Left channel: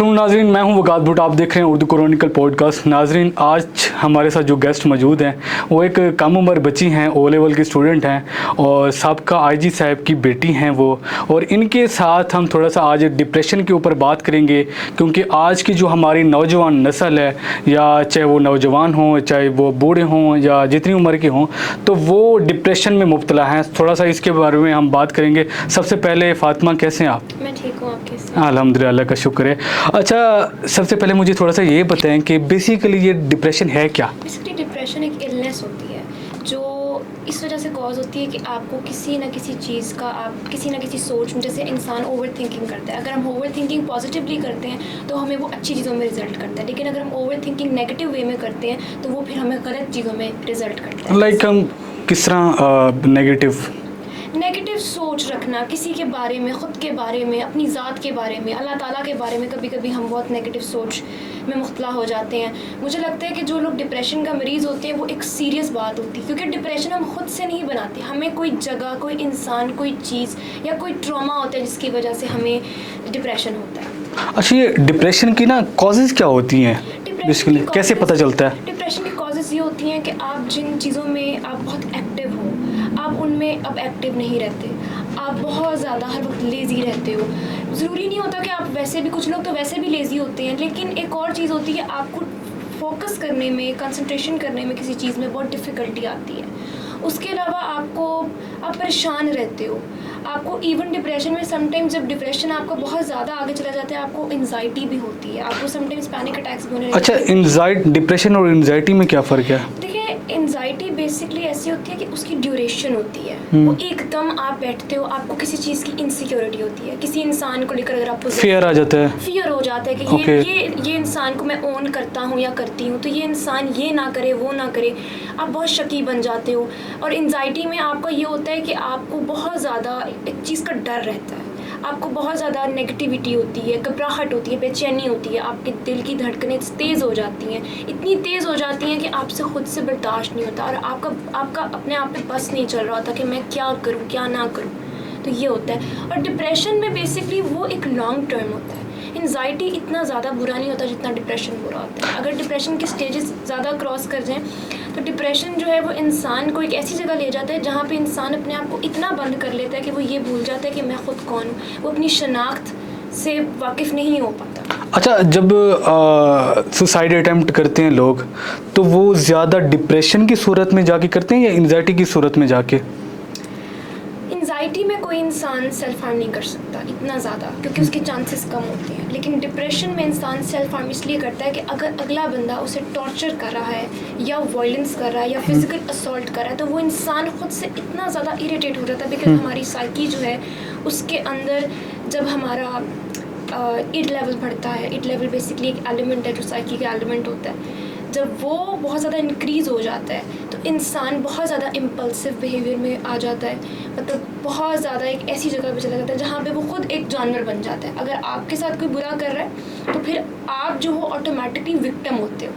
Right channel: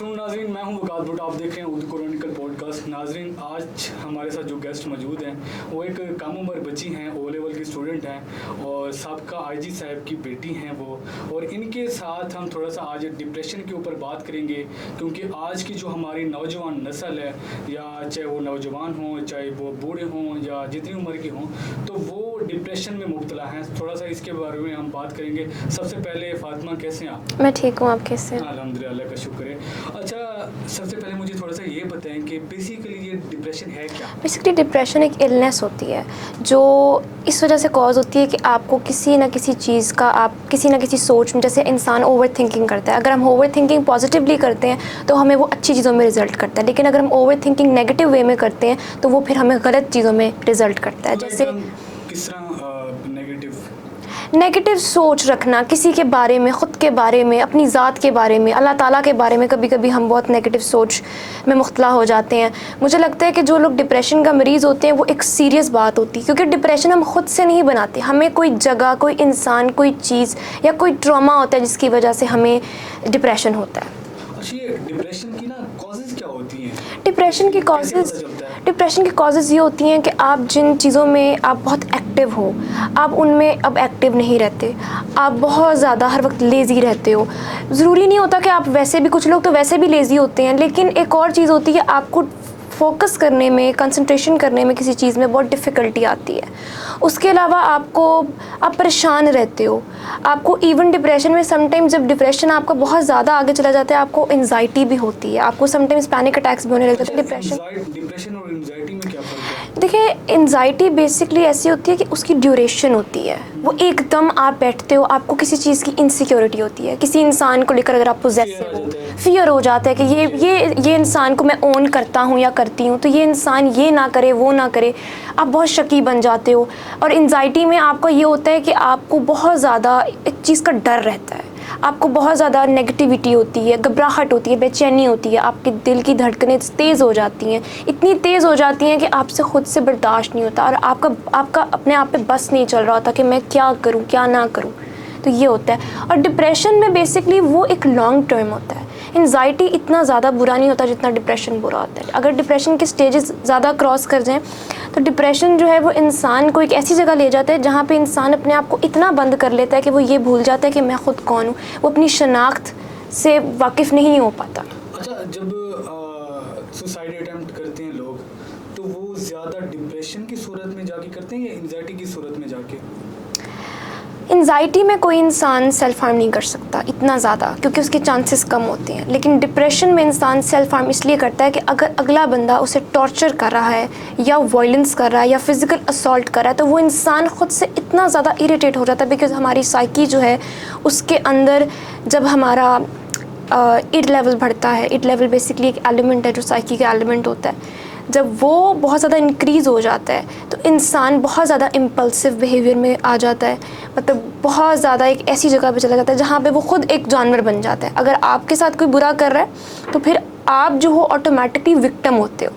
अस्सलाम नाज़रीन, मैं हूं वकास भुट्ट। आप देख रहे हैं उर्दू क्रॉनिकल पॉडकास्ट। नाज़रीन, आज हमारे साथ जो गेस्ट मौजूद हैं वो एक कम उम्र बच्ची हैं, ओ लेवल की स्टूडेंट हैं और साबका आईजी साहब की बेटी हैं वो। और इनके साथ हम थोड़ा सा आज डिप्रेशन के ऊपर बात करेंगे, क्योंकि आज की जो हमारी नौजवान नस्ल है, या चाहे वो नौजवान हों, चाहे वो बूढ़े हों, या जितनी उम्र के हों, तो वो डिप्रेशन में मुब्तला हैं। थोड़ा सा इसके बारे में हम बात करेंगे। सबसे पहले फ़ातिमा, कैसे हैं आप? मैं ठीक हूँ, आप कैसे हैं? अल्हम्दुलिल्लाह, अल्लाह का शुक्र है। अच्छा, सबसे पहले मुझे थोड़ा सा ये बताएं कि बेसिकली ये डिप्रेशन है क्या? बेसिकली डिप्रेशन एक इलनेस होती है जो इस वजह से कॉज होती है कि आपको किसी ना किसी चीज़ का, आप किसी ना किसी सोच में, जैसे इंसान ओवर थिंकिंग करता है। अगर हम ओवर थिंकिंग पॉजिटिवली करते हैं तो हमें वो अच्छी चीज़ों में रिजल्ट करता है, लेकिन अगर हम ओवर थिंकिंग नेगेटिव वे में करते हैं तो वो फिर हमें गलत चीज़ों में रिजल्ट करता है। लाइक हम किस तरह नेगेटिव सोच रखना किसी के बारे में, ख़ुद के बारे में, अपनी ज़ात के बारे में, अल्लाह ताला के बारे में। कभी कभी हम बहुत नेगेटिव सोच में मुख्तला हो जाते हैं। मुझे लगता है कि जो लोग डिप्रेशन का मरीज़ होते हैं वो एक सीरियस बात होती है, क्योंकि डिप्रेशन हम ख़ुद से नहीं बनाते। हमें कोई जगह, कोई इंसान, कोई चीज़ या कोई ट्रॉमा होता है जिसकी वजह से हमें डिप्रेशन होता है। अच्छा, ये डिप्रेशन की ना कॉजेज़ क्या होती हैं? डिप्रेशन की कैसे पता चलता है? डिप्रेशन की कॉजेज़ ये होती हैं कि आप जिन चीज़ों में आप बहुत एक्टिव हो, आप उनमें अब एक्टिव नहीं रहते। आप बहुत ज़्यादा हर वक्त लेज़ी रहते हो। ज़रूरी नहीं होता कि आप वैसे भी, कुछ लोग तो वैसे भी लेज़ी होते हैं, लेकिन एक और चीज़ होती है, आपको फोकस करने में, कंसंट्रेशन करने में किसी चीज़ में बहुत डिफ़िकल्टी आती है। उसके अलावा आप परेशान रहते हो। आपको इवन डिप्रेशन में समटाइम्स, जब डिप्रेशन आपका बहुत ज़्यादा आगे चला जाता है, आपको एंजाइटी भी होती है, आपको समटाइम्स पैनिक अटैक्स भी होने लगते हैं। अच्छा, डिप्रेशन और एंजाइटी में क्या फ़र्क है? देखिए, एंजाइटी बेसिकली ऐसी होती है कि उसकी ड्यूरेशन होती है। वो एकदम आप बैठते हो, आपको किसी चीज़ की इनसिक्योरिटी होती है, किसी इंसान को लेकर अगर आपको फियर आ जाता है, फियर हो जाता है कि ये इंसान को मैं ओन करता हूँ या करती हूँ, तो ये इंसान ये ना करे, वो ना करे, आप बहुत शकी बन जाते हो। और एंजाइटी में आपको ये होता है कि आपको बहुत ज़्यादा एक चीज़ का डर रहता है, आपको बहुत ज़्यादा नेगेटिविटी होती है, घबराहट होती है, बेचैनी होती है, आपके दिल की धड़कनें तेज़ हो जाती हैं, इतनी तेज़ हो जाती हैं कि आपसे ख़ुद से बर्दाश्त नहीं होता, और आपका अपने आप पे बस नहीं चल रहा होता कि मैं क्या करूँ, क्या ना करूँ। तो ये होता है। और डिप्रेशन में बेसिकली वो एक लॉन्ग टर्म होता है। एंजाइटी इतना ज़्यादा बुरा नहीं होता जितना डिप्रेशन बुरा होता है। अगर डिप्रेशन के स्टेजेस ज़्यादा क्रॉस कर जाएं तो डिप्रेशन जो है वो इंसान को एक ऐसी जगह ले जाता है जहाँ पे इंसान अपने आप को इतना बंद कर लेता है कि वो ये भूल जाता है कि मैं ख़ुद कौन हूँ। वो अपनी शनाख्त से वाकिफ़ नहीं हो पाता। अच्छा, जब सुसाइड अटेम्प्ट करते हैं लोग, तो वो ज़्यादा डिप्रेशन की सूरत में जाके करते हैं या एंजाइटी की सूरत में जाके? एंजाइटी में कोई इंसान सेल्फ हार्म नहीं कर सकता इतना ज़्यादा, क्योंकि उसके चांसेस कम होते हैं। लेकिन डिप्रेशन में इंसान सेल्फ हार्म इसलिए करता है कि अगर अगला बंदा उसे टॉर्चर कर रहा है या वायलेंस कर रहा है या फिज़िकल असॉल्ट कर रहा है, तो वो इंसान ख़ुद से इतना ज़्यादा इरिटेट हो जाता है, बिकॉज हमारी साइकी जो है उसके अंदर, जब हमारा इड लेवल बढ़ता है, इड लेवल बेसिकली एक एलिमेंट है जो साइकी का एलिमेंट होता है, जब वो बहुत ज़्यादा इंक्रीज़ हो जाता है तो इंसान बहुत ज़्यादा इम्पल्सिव बिहेवियर में आ जाता है। मतलब बहुत ज़्यादा एक ऐसी जगह पे चला जाता है जहाँ पे वो खुद एक जानवर बन जाता है। अगर आपके साथ कोई बुरा कर रहा है तो फिर आप जो हो ऑटोमेटिकली विक्टिम होते हो।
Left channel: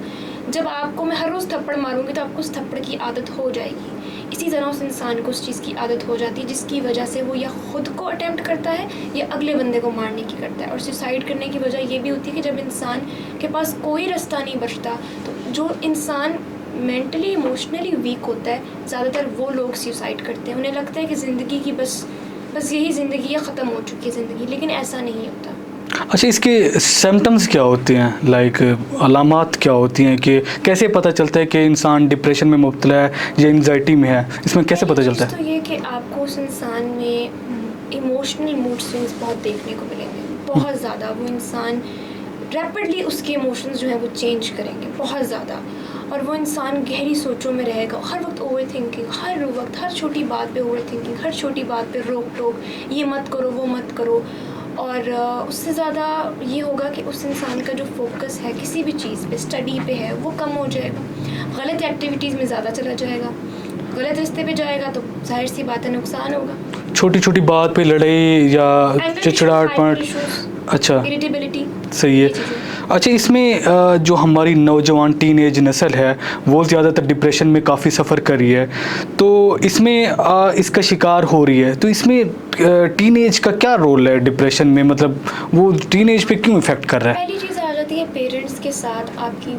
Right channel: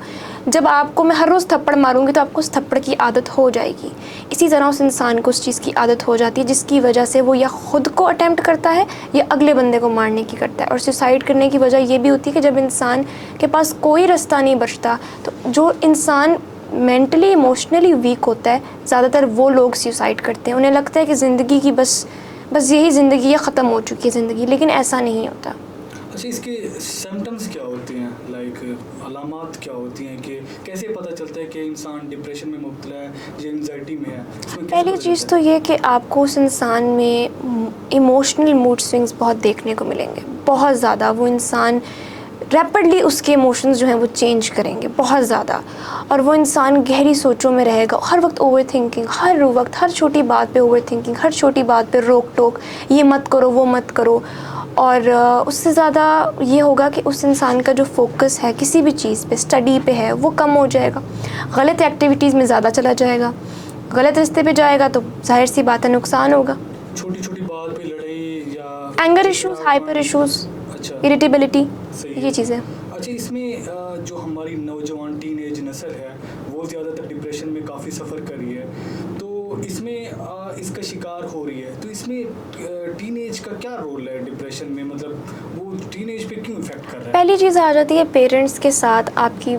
जब आपको मैं हर रोज़ थप्पड़ मारूंगी तो आपको उस थप्पड़ की आदत हो जाएगी। इसी तरह उस इंसान को उस चीज़ की आदत हो जाती है, जिसकी वजह से वो या ख़ुद को अटेम्प्ट करता है या अगले बंदे को मारने की करता है। और सुसाइड करने की वजह ये भी होती है कि जब इंसान के पास कोई रास्ता नहीं बचता, तो जो इंसान मेंटली इमोशनली वीक होता है, ज़्यादातर वो लोग सुसाइड करते हैं। उन्हें लगता है कि ज़िंदगी की बस यही ज़िंदगी है, ख़त्म हो चुकी है ज़िंदगी, लेकिन ऐसा नहीं होता। अच्छा, इसके सिम्टम्स क्या होते हैं, लाइक अलामात क्या होती हैं, कि कैसे पता चलता है कि इंसान डिप्रेशन में मुब्तला है या एंजाइटी में है? इसमें कैसे पता चलता है? तो ये कि आपको उस इंसान में इमोशनल मूड स्विंग्स बहुत देखने को मिलेंगे, बहुत ज़्यादा। वो इंसान रैपिडली उसके इमोशंस जो हैं वो चेंज करेंगे बहुत ज़्यादा, और वो इंसान गहरी सोचों में रहेगा, हर वक्त ओवर थिंकिंग, हर वक्त हर छोटी बात पे ओवर थिंकिंग, हर छोटी बात पे रोक टोक, ये मत करो, वो मत करो। और उससे ज़्यादा ये होगा कि उस इंसान का जो फोकस है किसी भी चीज़ पे, स्टडी पे है, वो कम हो जाएगा, गलत एक्टिविटीज़ में ज़्यादा चला जाएगा, गलत रास्ते पे जाएगा, तो जाहिर सी बात है नुकसान होगा। छोटी छोटी बात पे लड़ाई या एंगर इश्यूज, हाइपर इश्यूज, अच्छा, इरिटेबिलिटी, सही है। ये चीज़ें। अच्छा, इसमें जो हमारी नौजवान टीनेज नस्ल है वो ज़्यादातर डिप्रेशन में काफ़ी सफ़र कर रही है, तो इसमें इसका शिकार हो रही है, तो इसमें टीनेज का क्या रोल है डिप्रेशन में, मतलब वो टीनेज पे क्यों इफ़ेक्ट कर रहा है? पहली चीज़ आ जाती है पेरेंट्स के साथ आपकी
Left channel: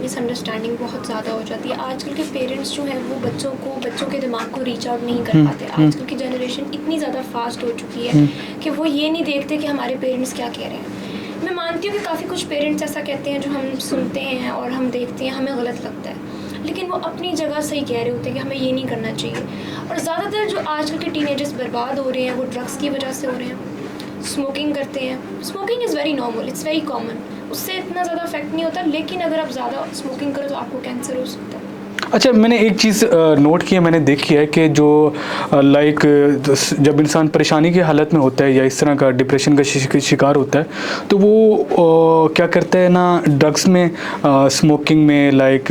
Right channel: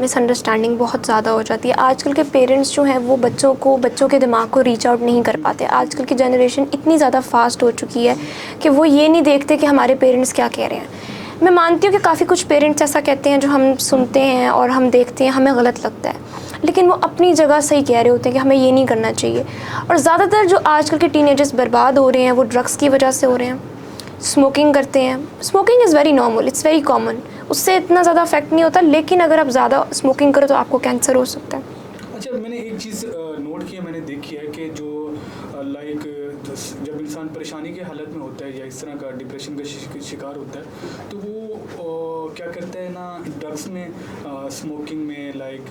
मिसअंडरस्टैंडिंग बहुत ज़्यादा हो जाती है। आजकल के पेरेंट्स जो हैं वो बच्चों के दिमाग को रीच आउट नहीं कर पाते। आजकल की जनरेशन इतनी ज़्यादा फास्ट हो चुकी है कि वो ये नहीं देखते कि हमारे पेरेंट्स क्या कह रहे हैं। मैं मानती हूँ कि काफ़ी कुछ पेरेंट्स ऐसा कहते हैं जो हम सुनते हैं और हम देखते हैं, हमें गलत लगता है, लेकिन वो अपनी जगह सही कह रहे होते हैं कि हमें ये नहीं करना चाहिए। और ज़्यादातर जो आजकल के टीनेजर्स बर्बाद हो रहे हैं वो ड्रग्स की वजह से हो रहे हैं, स्मोकिंग करते हैं। Smoking is very normal, it's very common, उससे इतना ज़्यादा इफेक्ट नहीं होता, लेकिन अगर आप ज़्यादा स्मोकिंग करो तो आपको कैंसर हो सकता है। अच्छा, मैंने एक चीज़ नोट की है, मैंने देखी है कि जो लाइक जब इंसान परेशानी की हालत में होता है या इस तरह का डिप्रेशन का शिकार होता है, तो वो क्या करता है ना, ड्रग्स में, स्मोकिंग में, लाइक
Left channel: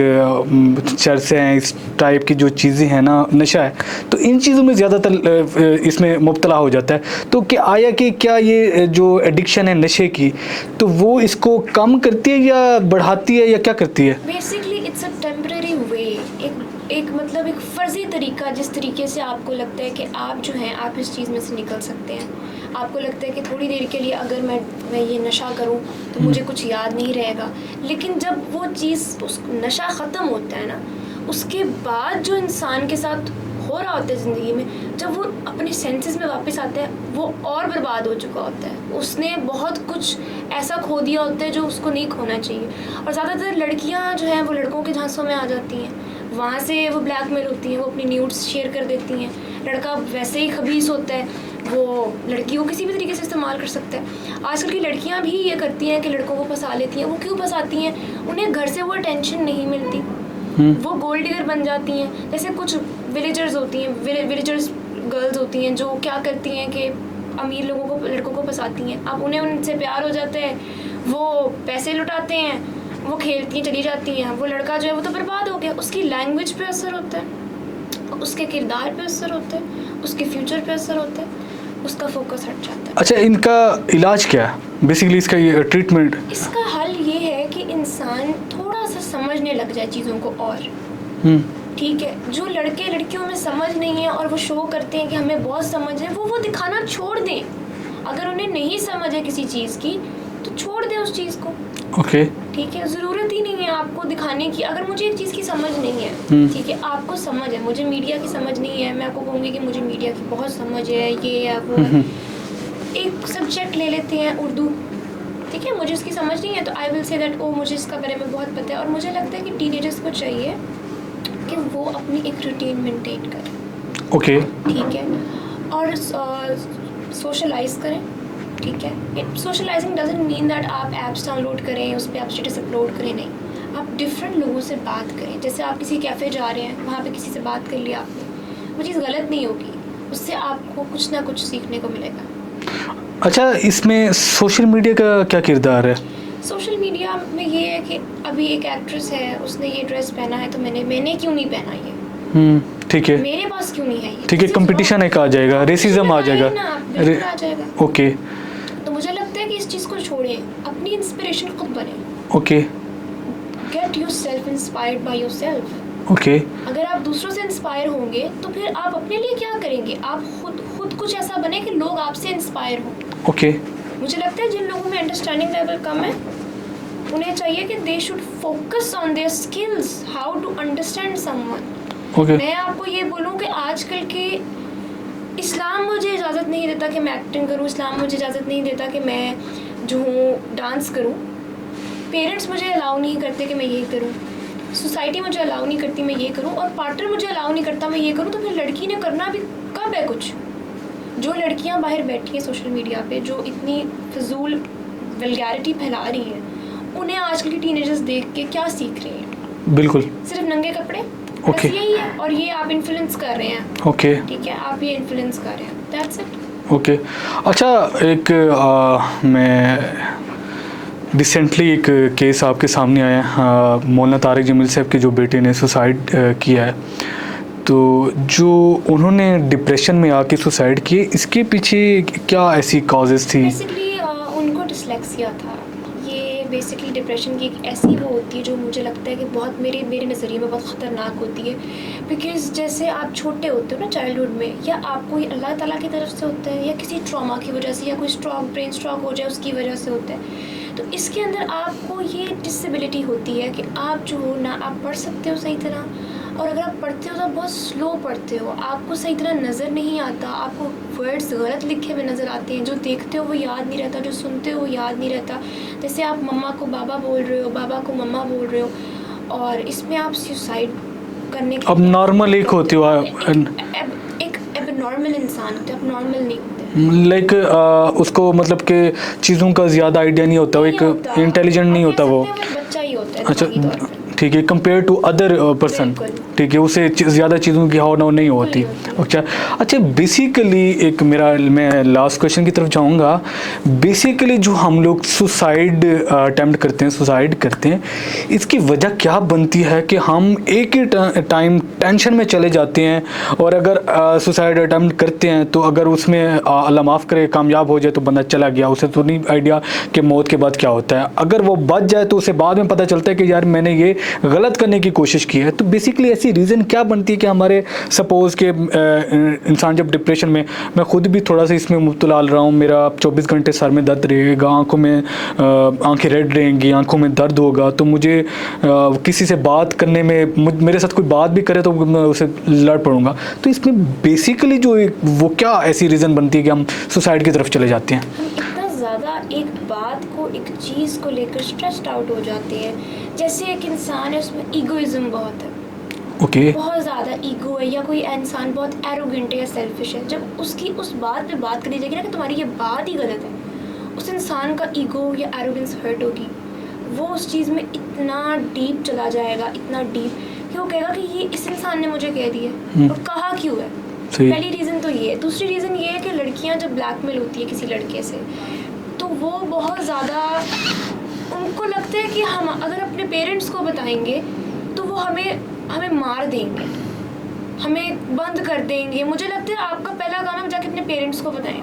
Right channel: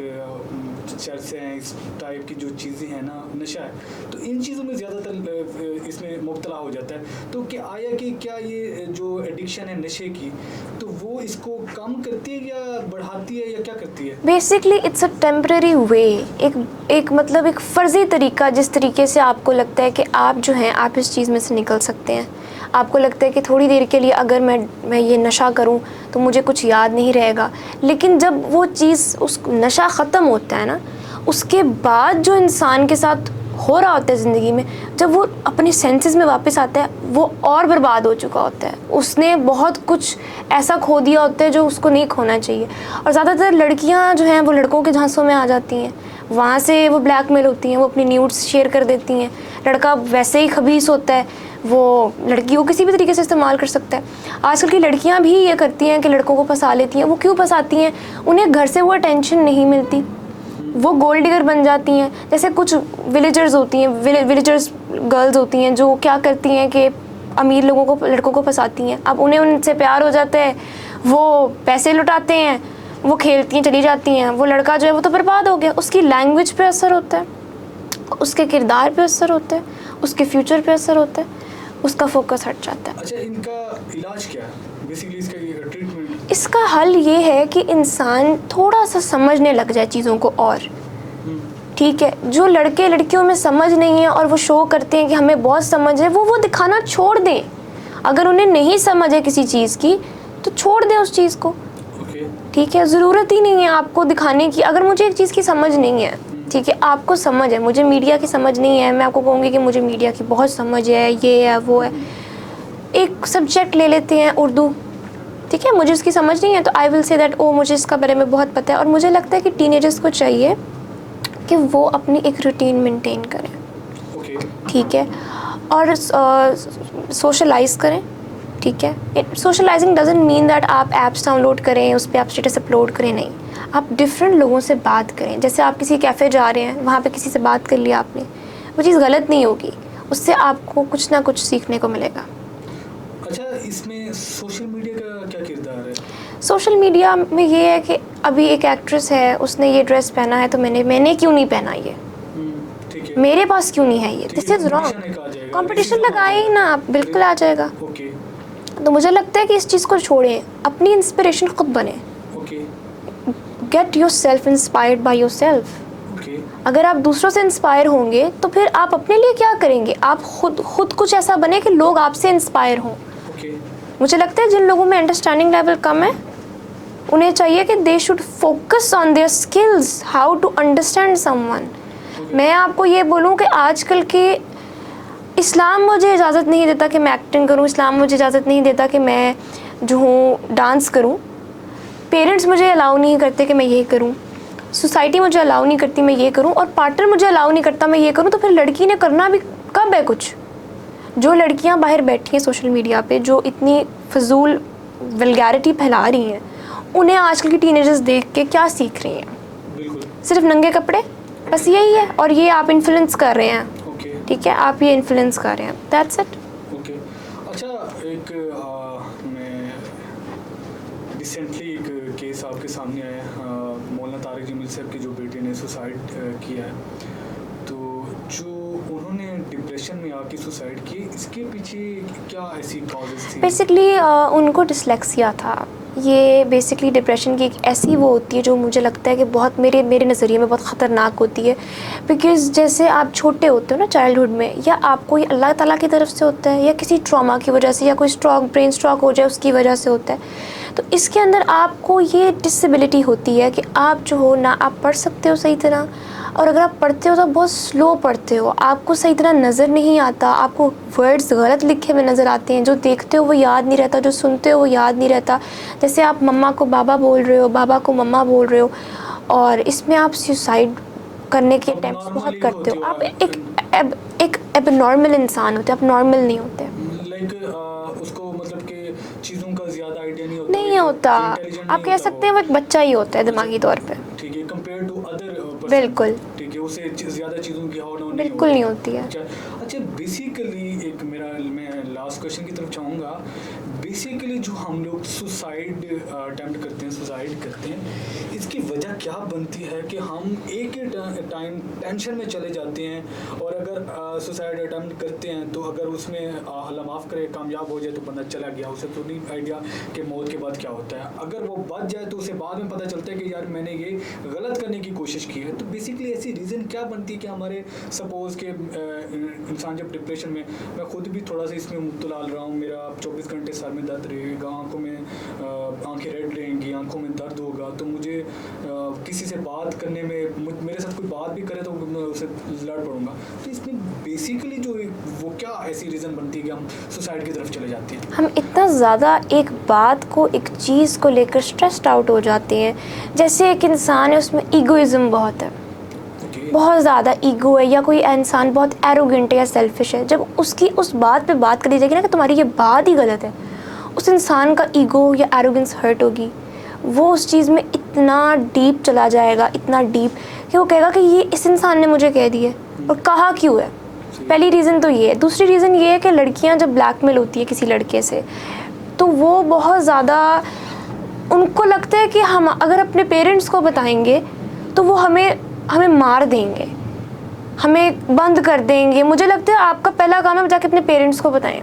चरस हैं, इस टाइप की जो चीज़ें हैं ना, नशा है, तो इन चीज़ों में ज़्यादातर इसमें मुब्तला हो जाता है। तो क्या ये जो एडिक्शन है नशे की, तो वो इसको कम करती है या बढ़ाती है या क्या करती है? बेसिकली इट्स अ टेम्परेरी वे, एक मतलब एक फ़र्ज़ी तरीका, जिस तरीके से आपको लगता है कि आप जो हैं आप इस चीज़ में से निकल सकते हैं। आपको लगता है कि थोड़ी देर के लिए अगर मैं ये नशा करूं तो मुझे कुछ याद नहीं रहेगा, लेकिन जब वो चीज़, उस नशा ख़त्म होता है ना, उसके बाद जो इंसान के साथ हो रहा होता है ज़िंदगी में, जब वो अपने सेंसेस में वापस आता है, वो और बर्बाद हो चुका होता है। उसने बहुत कुछ ऐसा खो दिया होता है जो उसको नहीं खोना चाहिए। और ज़्यादातर लड़कियां जो हैं वो लड़कों के झांसों में आ जाती हैं, वहाँ से वो ब्लैकमेल होती हैं, वो अपनी न्यूड्स शेयर कर देती हैं। लड़का वैसे ही खबीस होता है, वो लड़की को किसी भी तरीके से इस्तेमाल कर सकता है। आजकल की लड़कियां भी ये करती हैं कि लड़कों को फंसा लेती हैं। वो क्यों फंसाती हैं? उन्हें घर से वो अटेंशन नहीं मिलती, वो गोल्ड डिगर बन जाती हैं। जैसे कुछ विलेजर्स होती हैं, विलेजर्स गर्ल्स होती हैं जो क्या करती हैं कि अमीर लड़कों को फंसाती हैं। अब उन्हें उनसे प्यार हो जाता है, वो पैसे लुटाते हैं, वो खेलती हैं, चली जाती हैं। वो लड़का जो है वो तो बर्बाद हो गया। उसकी लैंग्वेज पे असर होता है, उसके किरदार पे असर होता है, उसके फ्यूचर पे असर होता है, उसका फोकस हट जाता है। अच्छा, इनका इलाज क्या है बेसिकली, इसका ये ट्रीटमेंट? इसका हल ये है कि इंसान थोड़ा सा समझने लग जाए चीज़ों को। और ठीक है, जो लड़के लड़कियों में समझ नहीं है और वो शो करते हैं कि हमें बहुत समझ है, वो दिखाना छोड़ दें। अगर उन्हें नहीं समझ है किसी चीज़ की तो छोड़ दें उस चीज़ को। ओके, ठीक है, ज़रूरत ही नहीं है आपको दिखाने की। अगर मुझे एक चीज़ की समझ नहीं है, ठीक है, आपको समझ है, मुझे मीडिया की समझ नहीं है, मैं आपको कहूँगी कि मुझे मीडिया की बहुत समझ है, ये है वो है। एक सब्जेक्ट ले लेते हैं उर्दू, ठीक है, मुझे उसकी समझ नहीं है तो आई विल से दैट ओ मुझे इसका बारे में बहुत पता है। और मुझे लगता है कि टीनेजर्स को चाहिए कि वो अपनी एक रूटीन मेंटेन करें। ओके, ठीक है, और सोशलाइज करें। ठीक है, सोशलाइजिंग डजंट मीन दैट आप ऐप्स डाउनलोड करें, उस पर आप स्टेटस अपलोड करें, नहीं। आप डिफरेंट लोगों से बात करें। जैसे आप किसी कैफ़े जा रहे हैं, वहाँ पे किसी से बात कर लिया आपने, वो चीज़ गलत नहीं होगी, उससे आपको कुछ ना कुछ सीखने को मिलेगा। अच्छा, इसमें सोशल मीडिया का क्या किरदार है? सोशल मीडिया में ये है कि अभी एक एक्ट्रेस है, उसने ये ड्रेस पहना है तो मैंने क्यों नहीं पहना ये, ठीक है, मेरे पास क्यों नहीं है ये, ठीक है, कंपटीशन एक आ जाएगा, रेसिज्म आ जाएगा ना, बिल्कुल आ जाएगा। ओके, तो मुझे लगता है कि इस चीज़ को छोड़ें, अपनी इंस्पिरेशन खुद बने। Okay, get your self inspired by your self. Okay. अगर आप दूसरों से इंस्पायर होंगे तो फिर आप अपने लिए क्या करेंगे? आप खुद कुछ ऐसा बने कि लोग आपसे इंस्पायर हों। ओके, मुझे लगता है जिन लोगों में अंडरस्टैंडिंग लेवल कम है, उन्हें चाहिए कि they should focus on their skills, how to understand someone. Okay. मैं आपको ये बोलूँ कि आजकल के इस्लाम मुझे इजाज़त नहीं देता कि मैं एक्टिंग करूँ, इस्लाम मुझे इजाज़त नहीं देता कि मैं जो हूँ डांस करूँ, पेरेंट्स मुझे अलाउ नहीं करते कि मैं ये करूँ, सोसाइटी मुझे अलाउ नहीं करती मैं ये करूँ, और पार्टनर मुझे अलाउ नहीं करता मैं ये करूँ, तो फिर लड़की ने करना भी कब है कुछ? जो लड़कियाँ बाहर बैठी हैं सोशल मीडिया पे, जो इतनी फजूल वल्गैरिटी फैला रही हैं, उन्हें आजकल की टीनेजर्स देख के क्या सीख रही हैं? बिल्कुल, सिर्फ नंगे कपड़े, बस यही है। और ये आप इन्फ्लुएंस कर रहे हैं। ओके, ठीक है, आप ये इन्फ्लुएंस कर रहे हैं, दैट्स इट। ओके। अच्छा, एक मैं रिसेंटली एक केस आपके सामने आया है, मौलाना तारिक जमील साहब के जो बेटे ने सुसाइड किया है, तो जो उन्होंने डिप्रेशन में आके सुसाइड किए, इसके पीछे क्या ऐसी कॉजेज़ थी? बेसिकली उनको डिसलेक्सिया था। ये बेसिकली डिप्रेशन की एक ऐसी वो होती है जो मुझे लगता है कि बहुत मेरे नज़रिए में बहुत ख़तरनाक होती है। बिकॉज़ जैसे आप छोटे होते हो ना चाइल्डहुड में, या आपको ये अल्लाह ताला की तरफ से होता है या किसी ट्रॉमा की वजह से, या कोई ब्रेन स्ट्रोक हो जाए उसकी वजह से होता है। तो इसके अंदर आपको ये डिसेबिलिटी होती है कि आप जो हो ना आप पढ़ सकते हो सही तरह, और अगर आप पढ़ते हो तो बहुत स्लो पढ़ते हो, आपको सही तरह नज़र नहीं आता, आपको वर्ड्स गलत लिखे हुए नज़र आते हैं, जो देखते हो वो याद नहीं रहता, जो सुनते हो वो याद नहीं रहता। जैसे आप मम्मा को बाबा बोल रहे हो, बाबा को मम्मा बोल रहे हो, और इसमें आप सुसाइड करने की अब नॉर्मल एक होते हो, एक एबनॉर्मल इंसान होते हो, आप नॉर्मल नहीं होते। लाइक उसको मतलब कि चीज़ों का ज़्यादा आइडिया नहीं होता, एक इंटेलिजेंट नहीं होता वो, बच्चा ही होता है दिमागी तौर पे। ठीक है, कंपेयर टू अदर पर्सन, ठीक है, उसे ज़्यादा चीज़ों की हाव नहीं होती। अच्छा बेसिकली मैं लास्ट क्वेश्चन की तरफ जाऊंगा। बेसिकली जो हम लोग सुसाइड अटेम्प्ट करते हैं, सुसाइड करते हैं, इसकी वजह क्या बनती है कि हम एक ही टाइम टेंशन में चले जाते हैं, और अगर सुसाइड अटेम्प्ट करते हैं तो अगर उसमें अल्लाह माफ़ करे कामयाब हो जाए तो बंदा चला गया, उसे तो नहीं आइडिया कि मौत के बाद क्या होता है। अगर वो बच जाए तो उसे बाद में पता चलता है कि यार मैंने ये गलत करने की कोशिश की है। तो बेसिकली ऐसी रीज़न क्या बनती है कि हमारे सपोज़ के इंसान जब डिप्रेशन में, मैं खुद भी थोड़ा सा इसमें मुब्तला रहा हूँ, मेरा 24 घंटे सर में दर्द रहेगा, आँखों में आँखें रेड रहेंगी, आँखों में दर्द होगा, तो मुझे किसी से बात करने में, मेरे साथ कोई बात भी करे तो मैं उसे लड़ पड़ूंगा। तो इसमें बेसिकली जो वो क्या ऐसी रीज़न बनती है कि हम सुसाइड की तरफ चले जाते हैं? हम इतना ज़्यादा एक बात को, एक चीज़ को लेकर स्ट्रेस्ड आउट हो जाते हैं। जैसे एक इंसान है, उसमें ईगोइज्म बहुत है, बहुत ज़्यादा ईगो है, या कोई इंसान बहुत एरोगेंट है या सेल्फिश है, जब उसकी उस बात पे बात करी जाएगी ना कि तुम्हारी ये बात ही गलत है, उस इंसान का ईगो या एरोगेंस हर्ट होगी, वो उस चीज़ में इतना डीप चला जाएगा, इतना डीप कि वो कहेगा कि ये इस इंसान ने मुझे कह दी है, और कहा क्यों है। पहली रीज़न तो ये है। दूसरी रीज़न ये है कि लड़कियां जब ब्लैकमेल होती है किसी लड़के से, तो वो बहुत ज़्यादा, उनको लगता है कि हम अगर अपने पेरेंट्स को बताएंगे तो वो हमें मार देंगे, हमें बंद कर देंगे। मुझे लगता है आपका पहला काम है जाके अपने पेरेंट्स को बताएं,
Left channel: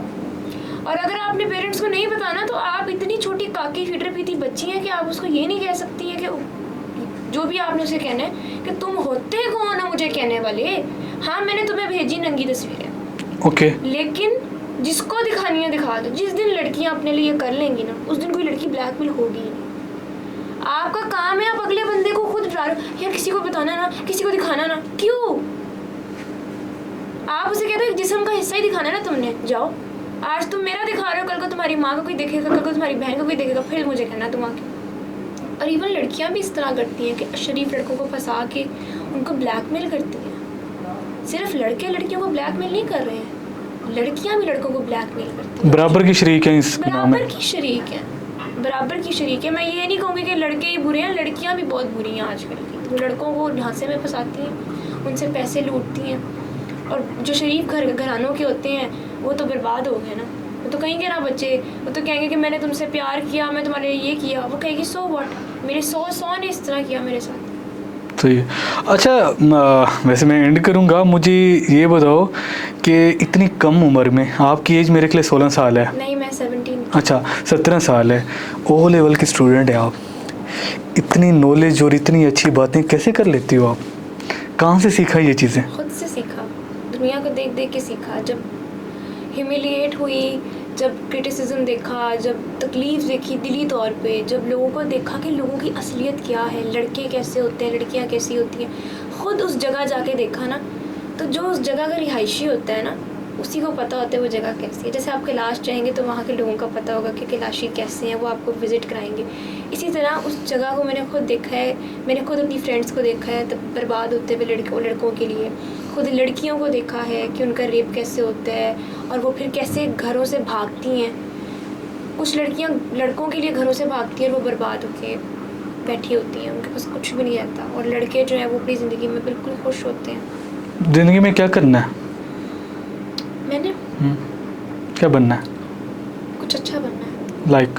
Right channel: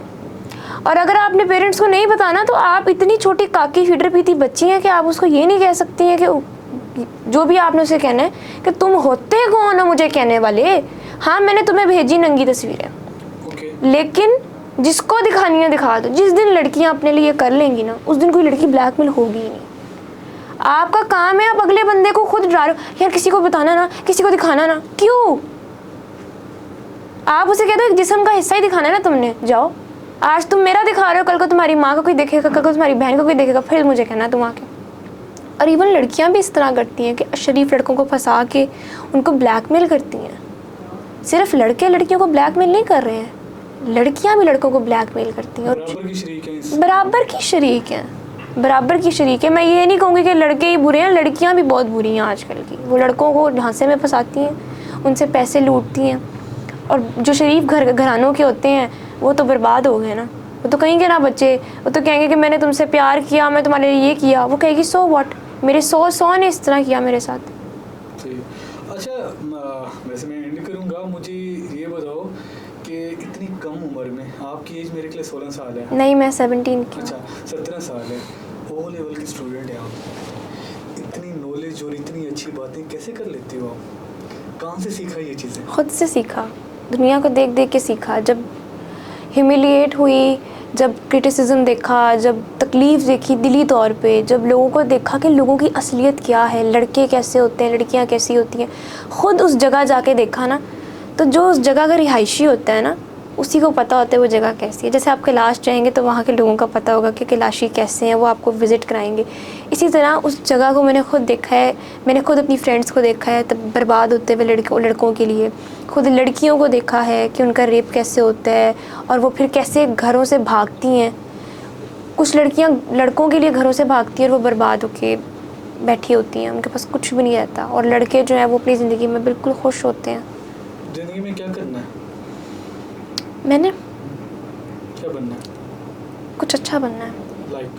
और अगर आप अपने पेरेंट्स को नहीं बताना तो आप इतनी छोटी काकी फीडर पीती बच्ची हैं कि आप उसको ये नहीं कह सकती हैं कि जो भी आपने उसे कहना है कि तुम होते कौन हो मुझे कहने वाले। हाँ, मैंने तुम्हें भेजी नंगी तस्वीरें, ओके, लेकिन जिसको दिखानी है दिखा दो। जिस दिन लड़कियां अपने लिए कर लेंगी ना, उस दिन कोई लड़की ब्लैकमेल होगी ही नहीं। आपका काम है आप अगले बंदे को खुद डालो, यार किसी को बताना ना, किसी को दिखाना ना। क्यों? आप उसे कहते हो जिस्म का हिस्सा ही दिखाना है ना तुमने, जाओ। आज तुम मेरा दिखा रहे हो, कल को तुम्हारी माँ को कोई देखेगा, कल को तुम्हारी बहन को कोई देखेगा, फिर मुझे कहना तुम आके। और इवन लड़कियां भी इस तरह करती हैं कि शरीफ लड़कों को फंसा के उनको ब्लैकमेल करती हैं। सिर्फ लड़के लड़कियों को ब्लैकमेल नहीं कर रहे हैं, लड़कियां भी लड़कों को ब्लैकमेल करती हैं। बराबर की शरीक हैं, बराबर की शरीक हैं, बराबर की शरीक है। मैं ये नहीं कहूँगी कि लड़के ही बुरे हैं, लड़कियां भी बहुत बुरी हैं आजकल की। वो लड़कों को झांसे में फंसाती हैं, उनसे पैसे लूटती हैं, और जो शरीफ घरानों के होते हैं वो तो बर्बाद हो गए ना। वो तो कहेंगे ना बच्चे, वो तो कहेंगे कि मैंने तुमसे प्यार किया, मैं तुम्हारे लिए ये किया। वो कहेगी सो व्हाट, मेरे 100 ने इस तरह किया मेरे साथ। तो ये अच्छा, वैसे मैं एंड करूँगा। मुझे ये बताओ कि इतनी कम उम्र में, आपकी एज मेरे के लिए 16 साल है। नहीं, मैं 17। अच्छा, 17 साल है, ओ लेवल की स्टूडेंट है आप। इतनी नॉलेज और इतनी अच्छी बातें कैसे कर लेती हो आप? कहाँ से सीखा ये चीज़ें? खुद से सीखा, दुनिया को देख देख के सीखा। जब ह्यूमिलिएट हुई, जब क्रिटिसिज्म देखा, जब तकलीफ़ देखी दिली तौर पे, जब लोगों को देखा कि लोगों की असलियत क्या है, लड़के कैसे होते हैं, लड़कियां कैसी होती हैं, ख़ुद उस जगह जाके देखा ना, तो जो उस जगह का रिहायशी होता है ना, उसी को पता होता है वो जगह कैसी है। जैसे आप कैलाश जाएंगे तो वहाँ के लोगों का पता होगा कि कैलाशी कैसे हैं, वो आपको विज़िट कराएंगे। इसी तरह उस जगह को मैंने खुद देखा है, मैंने खुद अपनी फ्रेंड्स को देखा है तब बर्बाद होते हुए लड़कों के लिए। खुद लड़कियों को देखा है कि उनका रेप कैसे होता है, और वो फिर कैसे घरों से भागती हैं। कुछ लड़कियां लड़कों के लिए घरों से भागती हैं और वो बर्बाद होके बैठी होती हैं, उनके पास कुछ भी नहीं रहता। और लड़के जो हैं वो अपनी ज़िंदगी में बिल्कुल खुश होते हैं। ज़िंदगी में क्या करना है? मैंने क्या बनना है? कुछ अच्छा बनना है। लाइक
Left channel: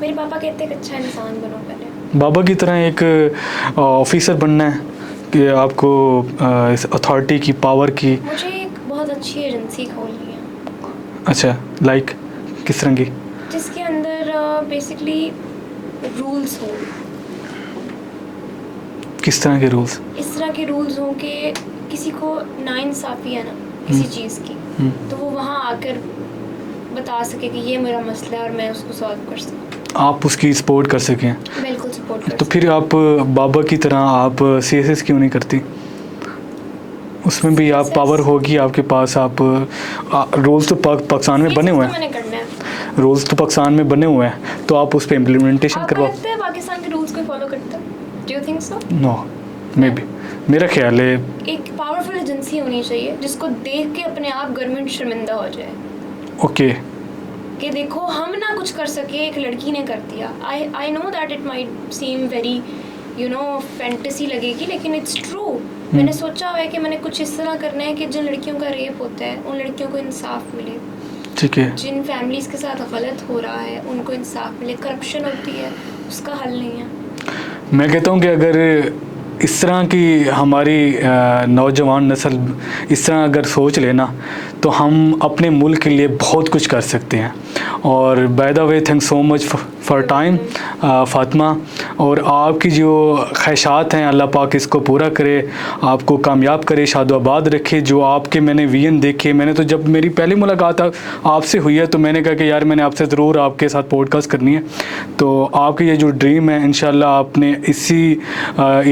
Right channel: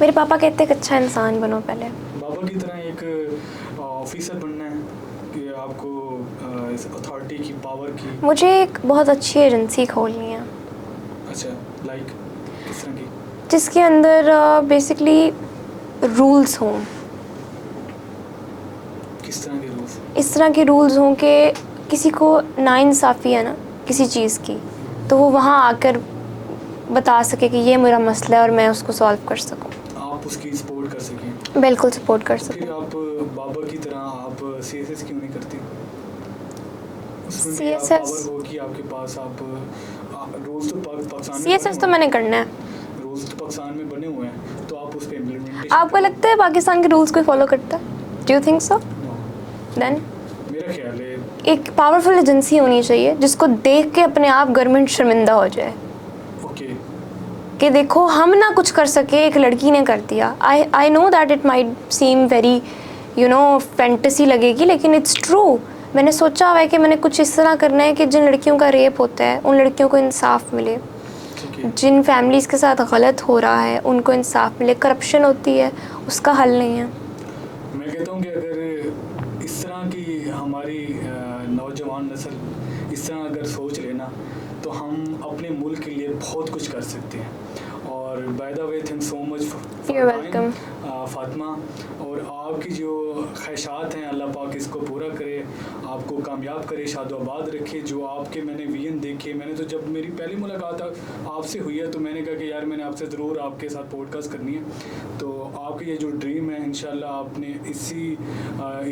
मेरे पापा कहते हैं कि अच्छा इंसान बनो पहले। बाबा की तरह एक ऑफिसर बनना है कि आपको इस अथॉरिटी की, पावर की? मुझे एक बहुत अच्छी एजेंसी खोलनी है। अच्छा, लाइक किस तरह की? जिसके अंदर बेसिकली रूल्स हों, किस तरह के रूल्स? इस तरह के रूल्स हों कि किसी को नाइंसाफ़ी है ना किसी चीज़ की, तो वो वहाँ आकर बता सके कि ये मेरा मसला है और मैं उसको सॉल्व कर सकूँ। आप उसकी सपोर्ट कर सकें। बिल्कुल सपोर्ट कर तो सकूँ। फिर आप बाबा की तरह आप CSS क्यों नहीं करती? उसमें भी आप CSS पावर होगी आपके पास। आप रूल्स तो पाकिस्तान में बने CSS हुए तो हैं, मैंने करना है। रूल्स तो पाकिस्तान में बने हुए हैं, तो आप उस पर इम्प्लीमेंटेशन आपको करवाओ। लगता है पाकिस्तान के रूल्स कोई फॉलो करता है? Do you think so? No, maybe, मेरा ख्याल है एक पावरफुल एजेंसी होनी चाहिए जिसको देख के अपने आप गवर्नमेंट शर्मिंदा हो जाए ओके। कि देखो हम ना कुछ कर सके, एक लड़की ने कर दिया। I know that it might seem very fantasy लगेगी, लेकिन इट्स ट्रू। मैंने सोचा हुआ है कि मैंने कुछ इस तरह करना है कि जिन लड़कियों का रेप होता है उन लड़कियों को इंसाफ मिले, ठीक है। जिन फैमिलीज़ के साथ गलत हो रहा है उनको इंसाफ मिले। करप्शन होती है, उसका हल नहीं है। मैं कहता हूँ कि अगर इस तरह की हमारी नौजवान नस्ल इस तरह अगर सोच लेना तो हम अपने मुल्क के लिए बहुत कुछ कर सकते हैं। और by the way thanks so much for time Fatima, और आपकी जो ख्वाहिशात हैं अल्लाह पाक इसको पूरा करे, आपको कामयाब करे, शादोआबाद रखे। जो आपके मैंने विजन देखे, मैंने तो जब मेरी पहली मुलाकात आपसे हुई है तो मैंने कहा कि यार मैंने आपसे ज़रूर आपके साथ पॉडकास्ट करनी है। तो आपके ये जो ड्रीम है इंशाल्लाह आपने इसी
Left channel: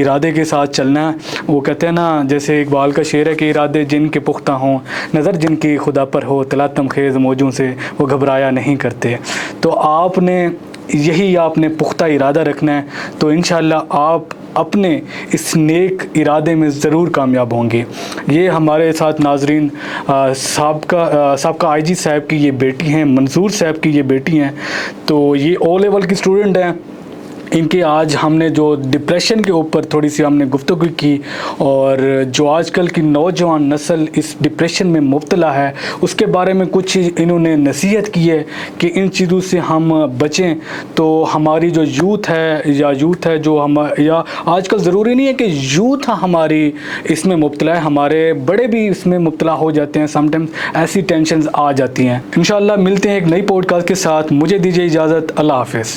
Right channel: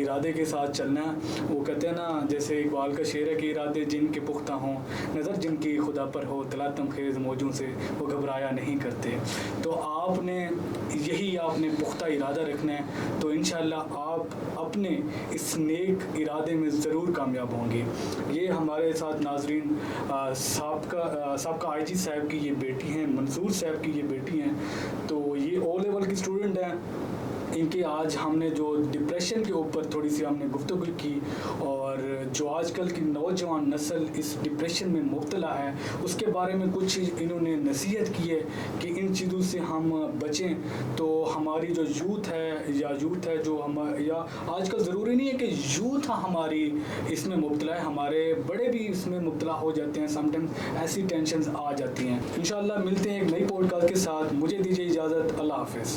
इरादे के साथ चलना है। वो कहते हैं ना, जैसे इकबाल का शेर है कि इरादे जिनके पुख्ता हों, नज़र जिनकी खुदा पर हो, तलातम खेज़ मौजों से वो घबराया नहीं करते। तो आपने आपने पुख्ता इरादा रखना है, तो इंशाल्लाह आप अपने इस नेक इरादे में ज़रूर कामयाब होंगे। ये हमारे साथ नाजरीन साबका IG साहब की ये बेटी हैं, मंसूर साहब की ये बेटी हैं। तो ये O लेवल की स्टूडेंट हैं। इनके आज हमने जो डिप्रेशन के ऊपर थोड़ी सी हमने गुफ्तगू की, और जो आजकल की नौजवान नस्ल इस डिप्रेशन में मुब्तला है उसके बारे में कुछ इन्होंने नसीहत की है कि इन चीज़ों से हम बचें। तो हमारी जो यूथ है जो हम, या आजकल ज़रूरी नहीं है कि यूथ हमारी इसमें मुब्तला है, हमारे बड़े भी इसमें मुब्तला हो जाते हैं। समटाइम्स ऐसी टेंशन्स आ जाती हैं। इंशाल्लाह मिलते हैं एक नई पॉडकास्ट के साथ। मुझे दीजिए इजाज़त। अल्लाह हाफ़िज़।